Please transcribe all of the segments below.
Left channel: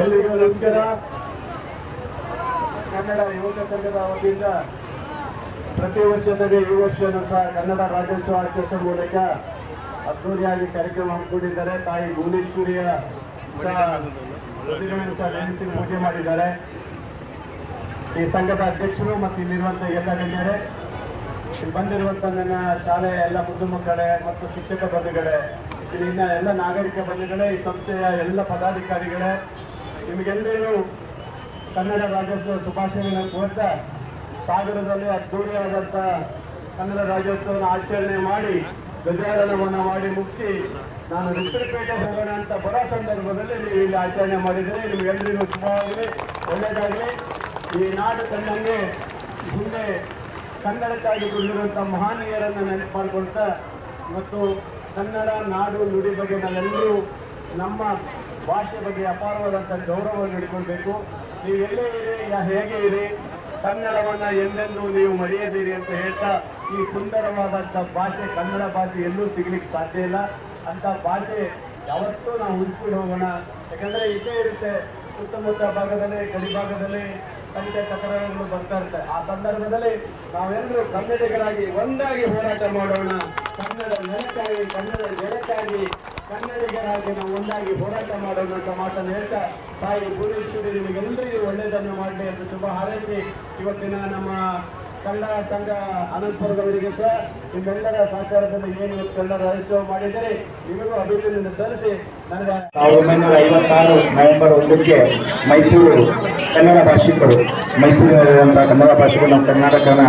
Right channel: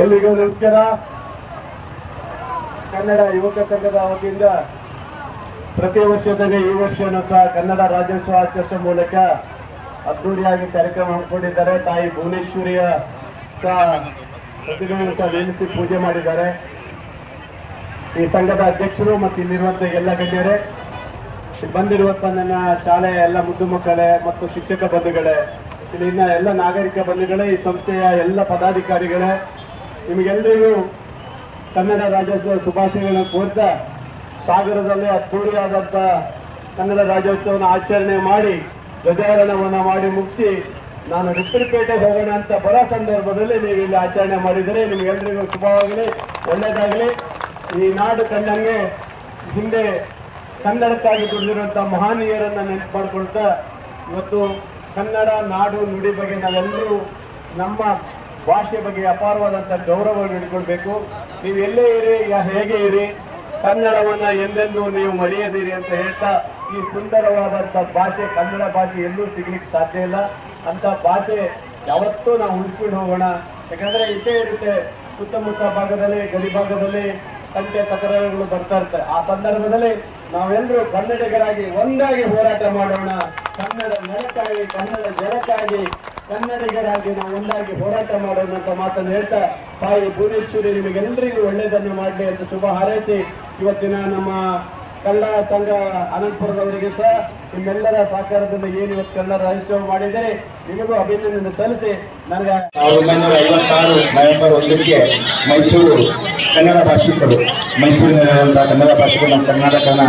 ಎಲ್ರಿಗೂ ನಮಸ್ಕಾರ ಕನ್ನಡ ಯುವಕ ಸಂಘದ ವತಿಯಿಂದ ಪ್ರತಿ ವರ್ಷದಲ್ಲಿ ಈ ವರ್ಷವೂ ಸಹ ಕನ್ನಡ ರಾಜ್ಯೋತ್ಸವ ಆಚರಿಸುವ ಮೂಲಕ ಅದ್ದೂರಿಯಾಗಿ ಕಾರ್ಯಕ್ರಮ ಹಮ್ಮಿಕೊಂಡಿದ್ದಾರೆ. ತಾಯಿ ಭುವನೇಶ್ವರಿಯ ಪ್ರತಿಮೆಯನ್ನು ಸಹ ನೆನೆಸಿ ಪೂಜೆ ಮಾಡಿದ್ದಾರೆ. ಈ ಸಂಘದ ಅಧ್ಯಕ್ಷರು ಮತ್ತು ಇಲ್ಲಿರುವಂತಹ ಎಲ್ಲ ಗಣ್ಯರೇ ಬಂದಿರುವಂತಹ ಬಂದಿರುವಂತ ನನ್ನ ಶಾಲೆಯ ಎಲ್ಲ ಮುದ್ದು ಮಕ್ಕಳೇ ಮತ್ತು ಶಿಕ್ಷಕ ಬಂಧುಗಳೇ ಇಲ್ಲಿನ ಎಲ್ಲ ನಾಗರಿಕ ಬಂಧುಗಳೇ, ಈ ಸಂಸ್ಥೆಯ ಎಲ್ಲ ಪದಾಧಿಕಾರಿಗಳೇ ನಿಮಗೆಲ್ಲರಿಗೂ ಕನ್ನಡ ರಾಜ್ಯೋತ್ಸವ ಶುಭಾಶಯಗಳನ್ನು ಕೋರ್ತಾ ಸಾಗರದಲ್ಲಿ ಅದ್ಧೂರಿಯಾದಂಥ ಕನ್ನಡ ರಾಜ್ಯೋತ್ಸವವನ್ನು ಆಚರಣೆ ಮಾಡಿ, ಧ್ವಜಾರೋಹಣವನ್ನು ಮಾಡಿ ಮುಗಿಸಿ, ನಾನು ರಿಪ್ಪರಿಪೇಟೆಗೆ ಹೋಗೋಣ ಅಂತ ಬರ ಸಂದರ್ಭದಲ್ಲಿ ನೀವು ಇಲ್ಲಿ ಆಚರಣೆ ಮಾಡಿದರೆ ನಿಮಗೆಲ್ಲರಿಗೂ ಶುಭವಾಗಲಿ, ಒಳ್ಳೆಯದಾಗಲಿ. ಈ ನಾಡು ಕಂಡಂಗೆ ಹಿಂದೆ ಕನ್ನಡಕ್ಕಾಗಿ ದುಡಿದಿರುವಂಥ ಮಹಾನೀಯರನ್ನು ನೆನಪು ಮಾಡಿಕೊಳ್ತಾ ಇವತ್ತು ಕನ್ನಡ ನಾಡು ನುಡಿ ಬಗ್ಗೆ ನಾವೆಲ್ಲರೂ ನಮ್ಮ ಭಾಷೆ ಬಗ್ಗೆ ಅಪಾರವಾದಂಥ ಗೌರವವನ್ನು ಇಟ್ಕೊಳ್ಬೇಕು. ನೀವು ಎಲ್ಲೇ ಇರಿ ಹೇಗೆ ಇರಿ, ಕನ್ನಡವನ್ನ ಎಂದೆಂದೂ ನೀವು ಮರೆಯದಿರಿ ಅಂತ ಹೇಳ್ತಾ ಈ ಸುಂದರವಾದಂಥ ಭಾಷೆ, ಕನ್ನಡ ಭಾಷೆ ಎಲ್ಲೂ ಸಿಗ್ಲಿಕ್ಕೆ ಸಾಧ್ಯ ಇಲ್ಲ. ಅಂತ ಭಾಷೆ ಯಾವತ್ತೂ ನಾವು ಉಳಿಸ್ಕೊಂಡು ಹೋಗೋಣ. ಯಾಕಂದರೆ ಇದೇ ಇರುತ್ತೆ. ಸುತ್ತಮುತ್ತ ಭಾಗದಲ್ಲಿ, ಗಡಿ ಭಾಗದಲ್ಲಿ ಕಂಟೆ ತಕರಾರುಗಳು ಬರ್ತಾ ಇರ್ತಾರೆ ಆ ಸಂದರ್ಭದಲ್ಲಿ ನಾವೆಲ್ಲರೂ ಕನ್ನಡಿಗರಾಗಿ ಒಂದಾಗಿ ಮಾಡೋಣ ಕನ್ನಡ ನೆಲಕ್ಕಾಗಿ ಕನ್ನಡ ಜನಕ್ಕಾಗಿ ಕನ್ನಡಿಗರಾಗಿ ನಾವು ಒಂದಾಗಿ ಹೋರಾಟ ಮಾಡೋಣ ಅಂತ ಮಾತನ್ನು ಹೇಳ್ತಾ ತಾಯಿ ಭುವನೇಶ್ವರಿ ನಿಮಗೆಲ್ಲರಿಗೂ ಒಳ್ಳೆಯದನ್ನು ಮಾಡಲಿ ಅಂತ ಶುಭ ಹಾರೈಸಿ ಇವತ್ತಿನ ನಮ್ಮ ಕನ್ನಡ ಸಂಘ ಅನಂತಪುರದವರಿಗೆ ಸಹ ನಿಮ್ಮೆಲ್ಲರ ಸಹಕಾರದಿಂದ ಏನು ಇವತ್ತು ಕನ್ನಡ ರಾಜ್ಯೋತ್ಸವ ಮಾಡಿದರೆ ನಿಮಗೂ ಅಭಿನಂದನೆ ಸಲ್ಲಿಸಿ. ನನಗೆ ಸಾವಿರದ ಒಂಬೈನೂರ ಐವತ್ತಾರು ನವೆಂಬರ್ ಒಂದಕ್ಕೆ ಮೈಸೂರು ಕನ್ನಡ ಭಾಷಿಕರು. ಮೈಸೂರಿನಲ್ಲಿರುವಂತಹ ಕನ್ನಡ ಭಾಷಿಕರು ನಮ್ಮ ಕರ್ನಾಟಕನ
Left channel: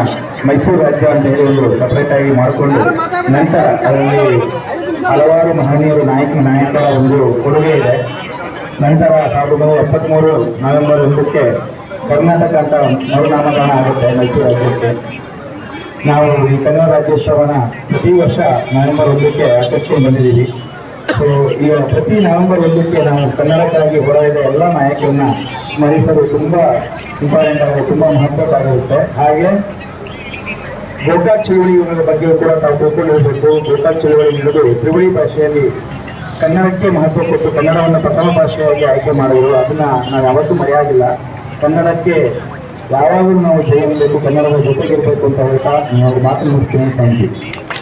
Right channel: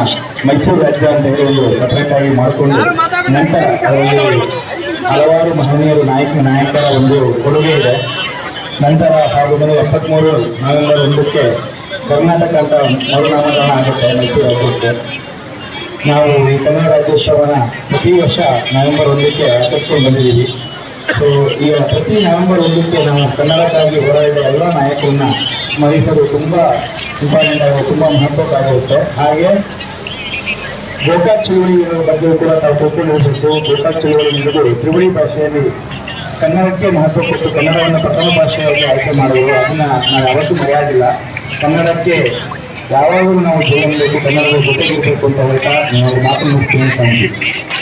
ಮೈಸೂರು ರಾಜ್ಯ ಅಂತ ಹೇಳಿ ಒಂದು ಸಪರೇಟ್ ಆಗಿ ಮಾಡಿಕೊಂಡು ನಂತರ ಅದರಲ್ಲಿ ಹಲವಾರು ಮಹನೀಯರು, ನಾಯಕ, ನಾಯಕರ ಒಂದು ಕೊಡುಗೆ ಇದೆ. ನಂತರ ಸಾವಿರದ ಒಂಬೈನೂರ ಎಪ್ಪತ್ತ್ಮೂರು ನವೆಂಬರ್ ಒಂದಕ್ಕೆ ಕರ್ನಾಟಕ ಅಂತ ಮರುನಾಮಕರಣ ಆಗುತ್ತೆ ಮೈಸೂರು ರಾಜ್ಯಕ್ಕೆ. ನಾವು ಈ ಕನ್ನಡ ರಾಜ್ಯೋತ್ಸವನ ಪ್ರತಿ ವರ್ಷ ನವೆಂಬರ್ ಒಂದಕ್ಕೆ ಆಚರಿಸ್ಕೊಂಡು ಬಂದಿದ್ದೀವಿ. ಸೊ ಈಗ ಪ್ರತಿ ನವೆಂಬರ್ ಒಂದಕ್ಕೆ ನಾವು ಕನ್ನಡಕ್ಕಾಗಿ ಹೋರಾಡಿದ ಎಲ್ಲ ನಾಯಕರನ್ನ ಸ್ಮರಿಸಲು ತುಂಬ ಇಂಪಾರ್ಟೆಂಟ್ ಆಗಿ ತುಂಬ ಮಹತ್ವದ್ದಾಗಿರುತ್ತೆ. ಹಾಗೆ ಗೋಕಾಕ್ ಚಳುವಳಿಗಳ ಬಗ್ಗೆ ಕೂಡ ನಾವು ತಿಳ್ಕೊಂಡು ಹೋಗಬೇಕು ಗೋಕಾಕ್ ಚಳುವಳಿ ಎನ್ನುವುದು ತ್ರಿವಳಿ ಭಾಷೆಯಲ್ಲಿ ಕನ್ನಡಕ್ಕೆ ಮಹತ್ವ ಕೊಟ್ಟು ಕನ್ನಡವನ್ನು ಪ್ರಥಮ ಭಾಷೆಯಾಗಿ ಆಯ್ಕೆ ಮಾಡುವುದು ಅದನ್ನ ನಾವು ಯಾವತ್ತೂ ಮರೆಯಾಗಿಲ್ಲ. ಕನ್ನಡಕ್ಕೆ ಯಾವಾಗಲೂ ನಾವು ಜೀವನದಲ್ಲಿ ಕನ್ನಡದ ಜೊತೆಗಿರಬೇಕು ಅಂತ ಹೇಳ್ತಾ ನಾವು ಮಾತು ಮುಗಿಸ್ತೀನಿ ಥ್ಯಾಂಕ್